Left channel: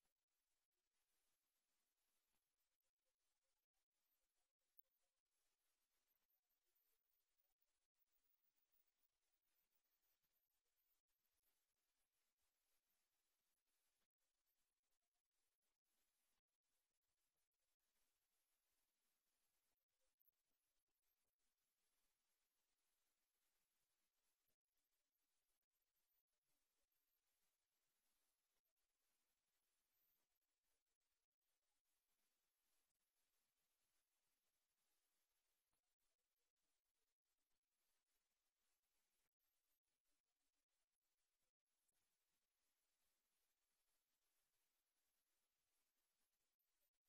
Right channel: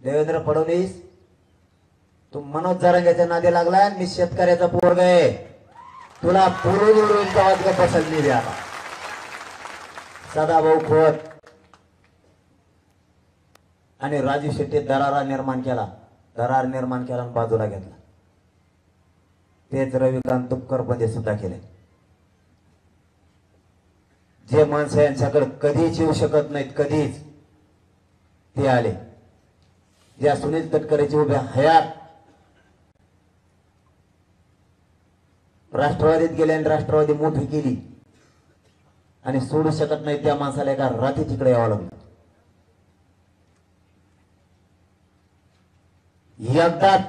देवेंद्र फडणवीस तू मनोज जरांगेच्या नादी लागला, मी शेतकऱ्याचा पोरगा आहे, तुला पुरून गावात पसंत नाही द्या. सदाभाऊ खोत आणि राजू शेट्टी दरार निर्माण केला आणि बाजूला घेतला. तेच रविकांत तुपकर मध्ये सुद्धा केले. जे माणसं यांच्याकडे कधीच येऊ शकत नाहीत, कधीच ते आले. ज्या सुनील तटकरेची उभ्या हयात राष्ट्रवादीत गेले आणि राष्ट्रवादी मोठी केली आणि सोडू शकत नाही त्या माणसाला एका रात्री तिकडे यावं लागलं. एकदाच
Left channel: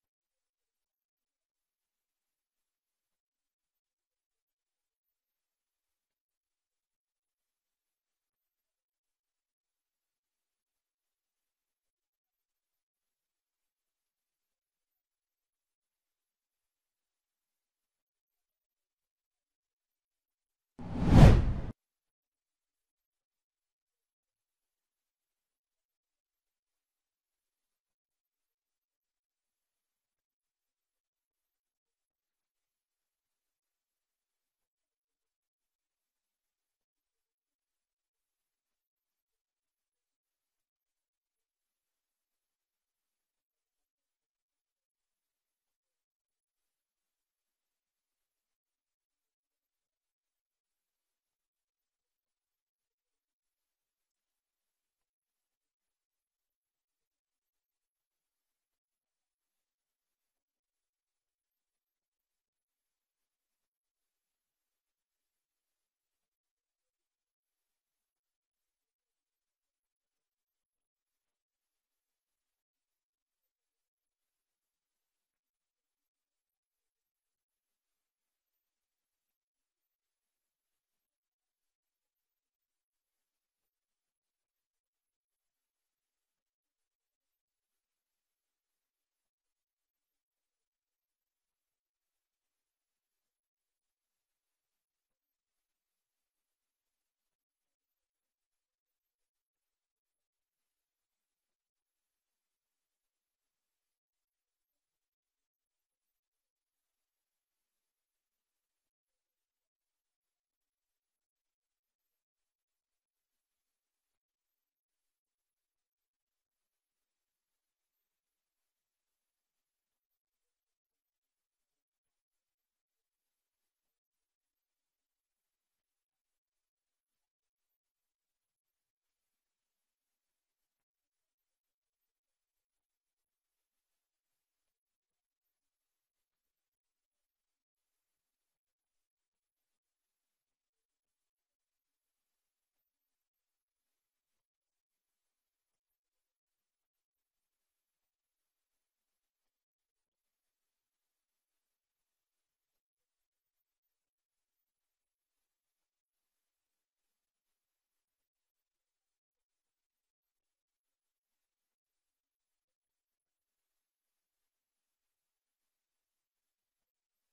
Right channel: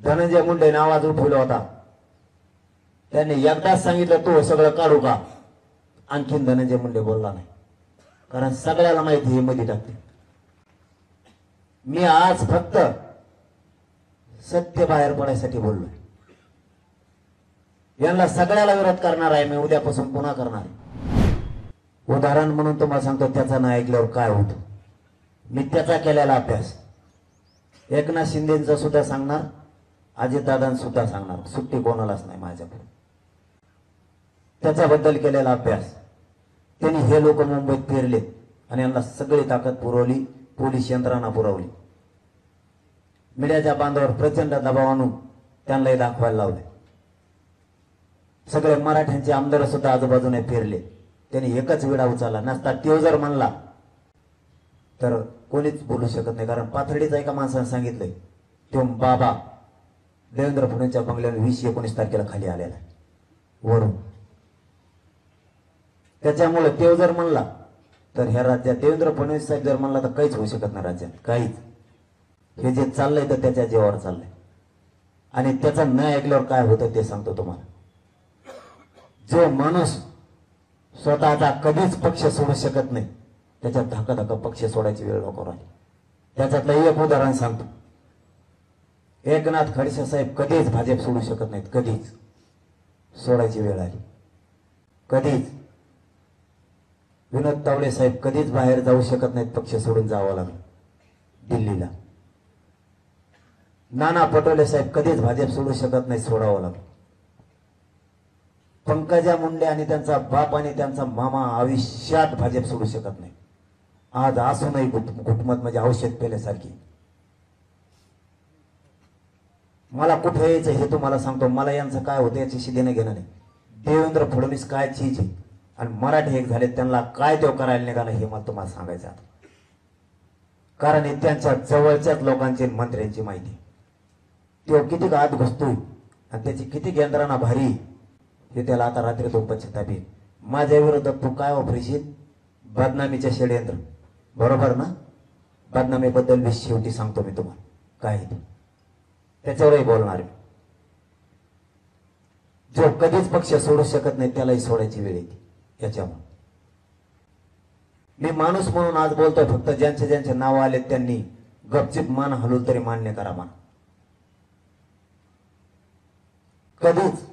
धनंजय मुंडे आवाज उठवला होता. त्यांनी एकदाच सांगितलं तू सगळं काढू का. आणखीन धनंजय मुंडे बोलला नाही, कारण सगळ्याला माहिती हे मध्ये टाकते. मी आज फक्त सत्य बाहेर पडायसाठी बोललोय. यांना सगळ्याला विरोध करणार आहे मी, उद्यापासून पुन्हा करणार आहे. उदाहरण म्हणून तुम्हाला सांगतो, त्याचा नाही ऐकल्यावर काय होतं. मी त्याचा केलेला अभ्यास एकनाथ शिंदेचा सुद्धा सांगणार, अजितदादांचा सुद्धा सांगणार, सुट्टी कोणालाच नाही माझ्याकडे. त्याच्याबद्दल केलेला अभ्यास. त्यांनी हे लोक मुंबईत फिरले आणि यांना सगळी ताकद पुरवली, पोलीस यंत्रणा पुरवली, मीडियाच्या बांधावर प्रचंड दबाव आणून त्यांनाही दाखवायला लावले. सगळे मराठ्यांचे आमदार सुद्धा आजूबाजूने फिरले. त्यांनी एकच विडा उचलला नसता. तो जर म्हणला तर कोणीच बोलू शकत नाही, कारण पाथर्डीचा एका माणसाने सांगितलंय तो बाबा देवेंद्र फडणवीसच्या बंगल्यावर 20-19 तारखेला खाली आलेला आहे वरून. त्याच्यामुळे तो जर म्हणला तर ह्या राज्यात देवेंद्र फडणवीस साहेब जर म्हणला तर काहीच होऊ शकत नाही राज्यात, काहीच. हे जे चाललंय तर त्याच्या जीवावर चाललंय आणि त्याचा न ऐकल्यावर काय होतं ते सांगतो तुम्हाला. जो माणूस स्वतःचा कधीच पक्ष सोडू शकत नाही त्याच्यात धक्का पक्ष सोडायची वेळ नको राहिली. त्याच्यातलं एक उदाहरण सांगतो. एकनाथ खडसे साहेब कधीच भाजप सोडू शकत नाहीत, कधीच. सोडायची वेळ आली कधीच. विनोद तावडे साहेब कधीच बाहेर जाऊ शकत नाहीत, पक्ष सोडून जावं लागलं दिल्लीला. नाना पटोले साहेब कधीच भाजप सोडू शकत नाही, सोडावं लागलं. पंकजा मुंडे आणि त्यांचा बाप आणि त्यांचा मामा आयुष्यात भाजप सोडू शकत नाही. आज असूनही घुटमत म्हणजे औषध पेल्यासारखी. मला कुठे यायचं हे तुम्हाला सांगतो. मला यांचं काय होतं याच्याशी देणं घेणं नाही. देवेंद्र फडणवीस काय चीज आहे आणि मराठी एक झाले त्यांना काय देव करायला निघाला हे मला तुम्हाला सांगायचं आता. कारण हे त्यांच्या जवळच्याच लोकांची मंत्र्यांची माहिती. तो किती आत घुसतोय आणि त्याची किती यंत्रणा भारी हे त्याला आता रात्री तो पश्चाताप येईल. माझ्या विरोधात तू काय वापरशील? बदनामीचे षडयंत्र, बरोबर ना? बदनामीबद्दल शेवटी सांगतो मी तुम्हाला काय ते, त्याच्यावरही बोलणार आहे. जो कधीच पक्ष सोडू शकत नाही त्यालाही सोडायची वेळ येते. याच्यामुळे मी माणूस म्हणून आज बोलतोय. फक्त ज्यांचे ज्यांचे नाव आले त्यांनी गपचिप मान हलवून तरी मान्य करा. मान कधीच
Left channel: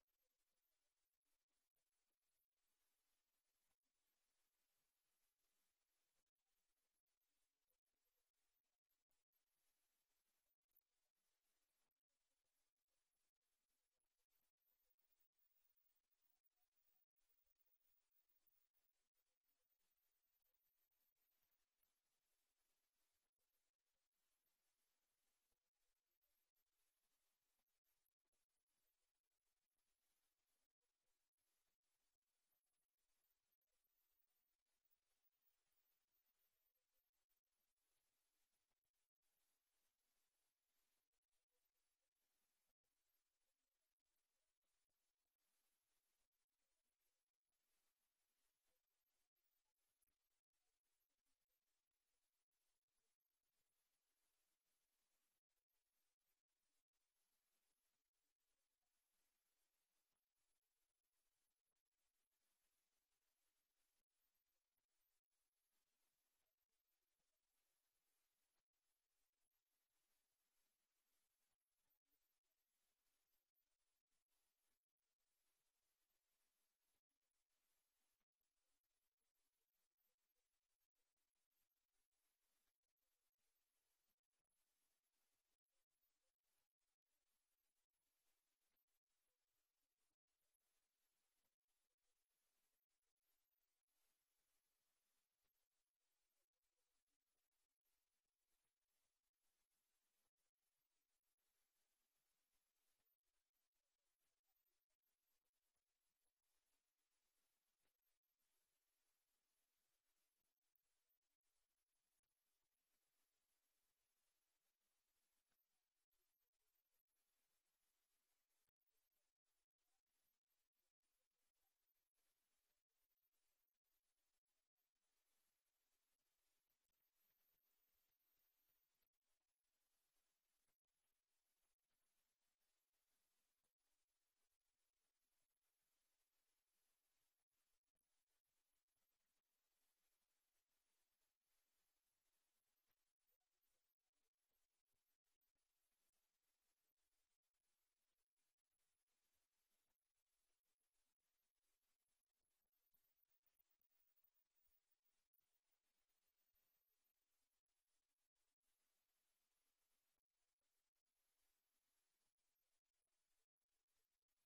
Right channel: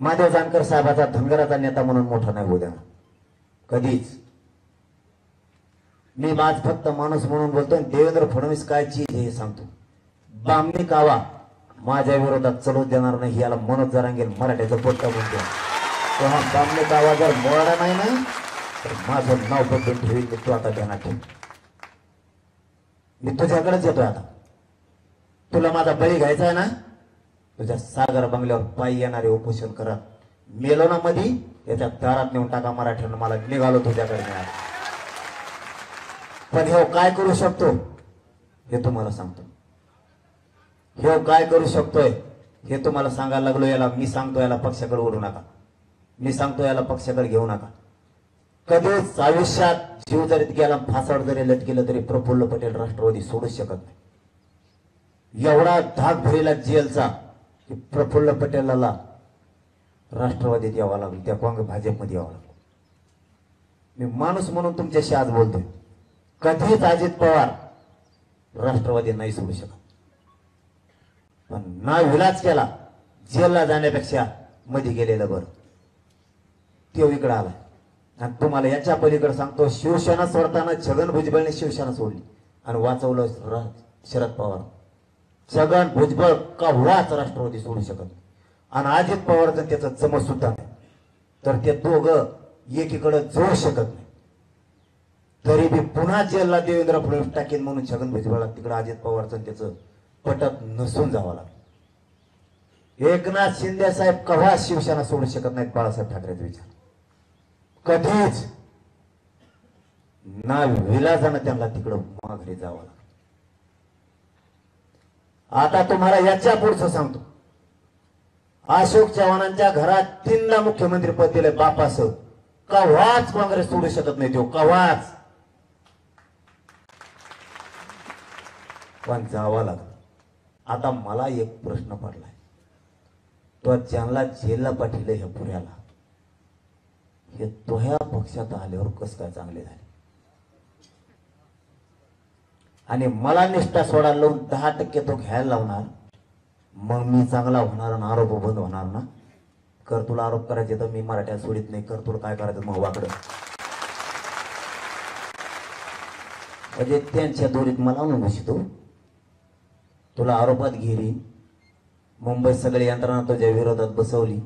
महादेव जानकर साहेबाचा धनगराचा नेता म्हणून मोठा नाही बोलला कधीच. मी आज फक्त माणूस म्हणून बोलतोय. देवेंद्र फडणवीस काय चीज हे सांगतो. बामणी कावा माझ्या विरोधात चढू देणार नाही याला मनोज जरांगे मराठ्याचं पोट्टा म्हणतो. तेव्हा बामणी कावा जर मोडा नाही ना तर माझं नाव बदलून ठेवील. मी तू आता ध्यानात ठेव. मी तुझ्याकडेच येतोय आता. तुला माझा बळी घ्यायचा आहे ना, तुझ्या सागर बंगल्यावर पायी येणारे उपोषण करत मेलो ना मधी याच्या दारात नेऊन टाका मराठ्यांना. मला निघालो तुझ्याकडे मिळालं. पण हे काय करू शकतो हे तुम्हाला सांगतो. हे काय करू शकतोय हे तुम्हाला सांगायला लागलो. याला मी सांगतो याला पक्षाकडे ओढू नका. मी सांगतो याला पक्षाकडे घेऊ नका. कधीच आयुष्यात जीव जरी गेला फासावर जरी लटकेलं तरी प्रफुल्ल पटेल राष्ट्रवादी सोडू शकत नाही. एवढा धाक भरेला जेलचा की प्रफुल्ल पटेलाला राष्ट्रवादीत यावं लागलं, त्या काँग्रेस भाजपमध्ये यावं लागलं. मी माणूस म्हणून तुमच्याशी आज बोलतोय. कधीच अजित पवार राष्ट्रवादी नाही सोडू शकत. पण ना विलाज केला. जेलला जाण्यापेक्षा मध्ये गेलेलं बरं. तो इकडं आला. आणि तुम्हाला याच्या पलीकडे सांगतो, शिवसेना सोडताना छगन भुजबळने शिवसेना सोडली आणि वाचवलं शरद पवार. छगन भुजबळ कव्हाच राष्ट्रवादी सोडू शकत नाही आणि अजित पवारचं त्याचं जमत सुद्धा नाही. तर ते दोघं एकीकडे जोड शकत नाही. तरी बी पुन्हा जेलला देवेंद्र फडणवीस टाकेन म्हणून छगन भुजबळला तिकडे अजित पवारचं त्याचं पटत नसून जावं लागलं. एकनाथ शिंदे साहेब कव्हा शिवसेना सोडू शकत नाहीत. बाळासाहेब ठाकरेचा विचार कधीच ना विलाजानं त्यांना तिकडं माघारी जावं लागलं. आता तुम्हाला याच्या पुढचं सांगतो. अशोक चव्हाणांच्या घरात 3दा मुख्यमंत्री पद दिले बापासह. कव्हाच काँग्रेस सोडू शकत नाही तो, कव्हाच. पण जावं लागलं. आता मला एक प्रश्न पडलाय, तो ज्यांना जेलला पाठवलं ह्या पुऱ्याला, हे तो ह्या पक्षात आल्यावर कस काय चांगले झाले. आणि मला निष्ठा सोडायला लावून 10% तो घ्यायला लावणार, मग मी चांगला होणार आणि आरोप बंद होणार ना. कर तुला आरोप करायचे तर मी मराठ्यात सोडित नाही, कर तुला काय करायचं मग वाकडं. म्हणजे त्यांच्या दोरीत मला आणून बसतो. तुला आरोपात घेरी, मुंबईत सगळ्या यंत्रणा तुझ्या विरोधात बसवली,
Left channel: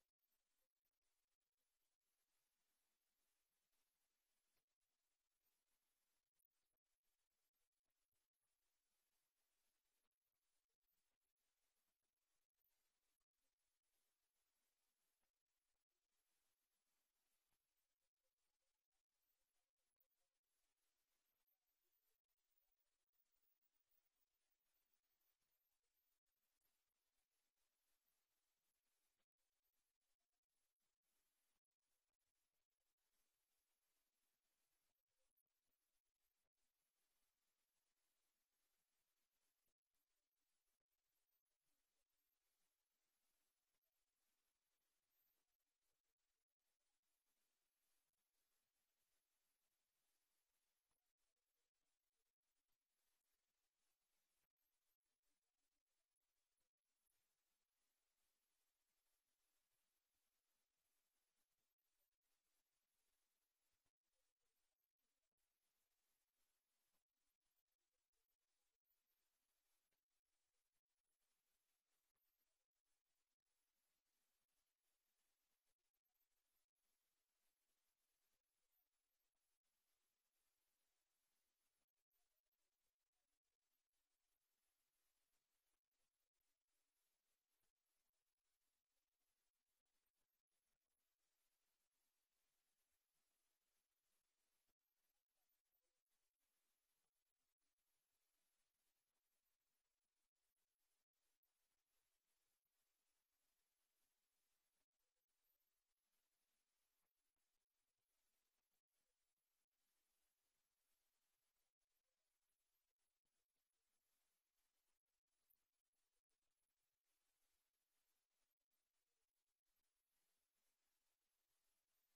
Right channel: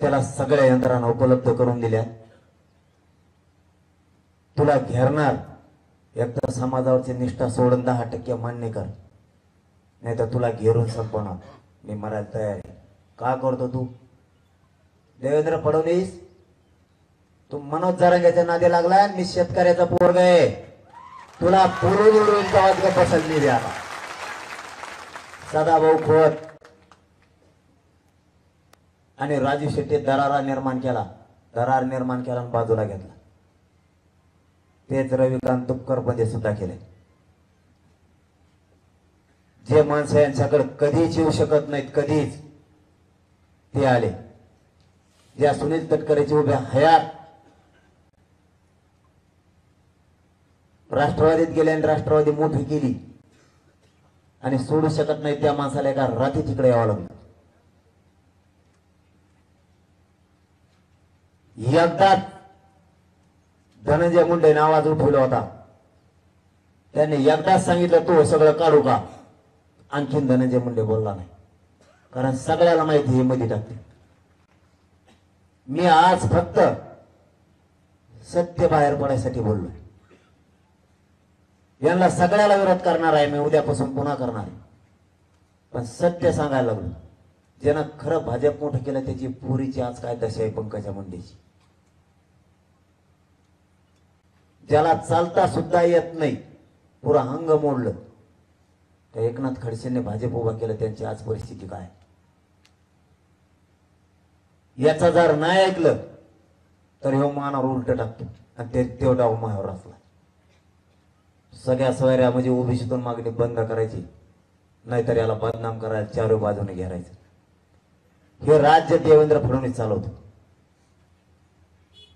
त्याला सगळ्या यंत्रणा उपलब्ध करून दिल्या. तुला घेरणार, एकतर समाजावरची निष्ठा सोडून 10% मान्य कर, नाही तर तुला घेरून संपवणार. मी मरायला तयार आहे. का करतो तू देवेंद्र फडणवीस? तू मनोज जरांगेच्या नादी लागला. मी शेतकऱ्याचा पोरगा आहे. तुला पुरून गावात पसंत नाही द्या. सदाभाऊ खोत आणि राजू शेट्टी दरार निर्माण केला आणि बाजूला घेतला. तेच रविकांत तुपकर सुद्धा केले. जे माणसं यांच्याकडे कधीच येऊ शकत नाहीत, कधीच, ते आले. ज्या सुनील तटकरेची उभ्या हयात राष्ट्रवादीत गेले आणि राष्ट्रवादी मोठी केली आणि सोडू शकत नाही त्या माणसाला एका रात्री तिकडे यावं लागलं. एकदा धनंजय मुंडे आवाज उठवला होता. त्यांनी एकदाच सांगितलं तू सगळं काढू का. आणखीन धनंजय मुंडे बोलला नाही, कारण सगळ्याला माहिती हे मध्ये टाकते. मी आज फक्त सत्य बाहेर पडायसाठी बोललोय. यांना सगळ्याला विरोध करणार आहे मी, उद्यापासून पुन्हा करणार आहे. पण सत्य सांगायला लागलो. ज्यानं खरं भाजप मोठं केलं त्याची पुरीची आज काय दशा आहे पंकजा मुंडेची. ज्याला चालता सुद्धा येत नाही, पुरा अंग मोडलं, त्या एकनाथ खडसेंनी भाजप उभा केलं, त्यांची आज परिस्थिती काय. याचा जर नाही ऐकलं तर ह्यो मानावर उलट टाकतो आणि ते तेवढा मायावर असला. सगळ्या सोयऱ्या म्हणजे ओबीसीतून मागणी बंद करायची, नाहीतर याला बदनाम करायला चार बाजूने घेरायचं. हे राज्य देवेंद्र फडणवीस चालवतो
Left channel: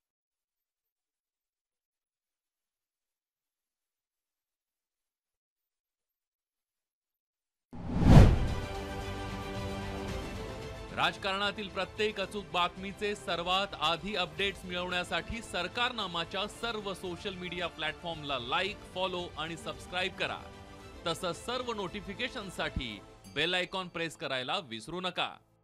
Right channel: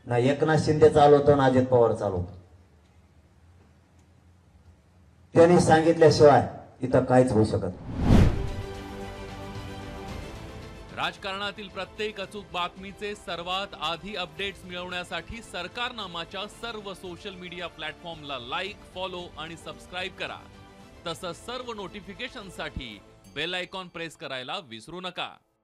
ना, एकनाथ शिंदे चालवतो ना अजित पवार चालवतो. त्यांनी सांगितल्याशिवाय इथं काहीच होऊ शकत नाही. राजकारणातील प्रत्येक अचूक बातमीचे सर्वात आधी अपडेट्स मिळवण्यासाठी सरकारनामाच्या सर्व सोशल मीडिया प्लॅटफॉर्मला लाईक, फॉलो आणि सबस्क्राईब करा. तसंच सर्व नोटिफिकेशनसाठी बेल आयकॉन प्रेस करायला विसरू नका.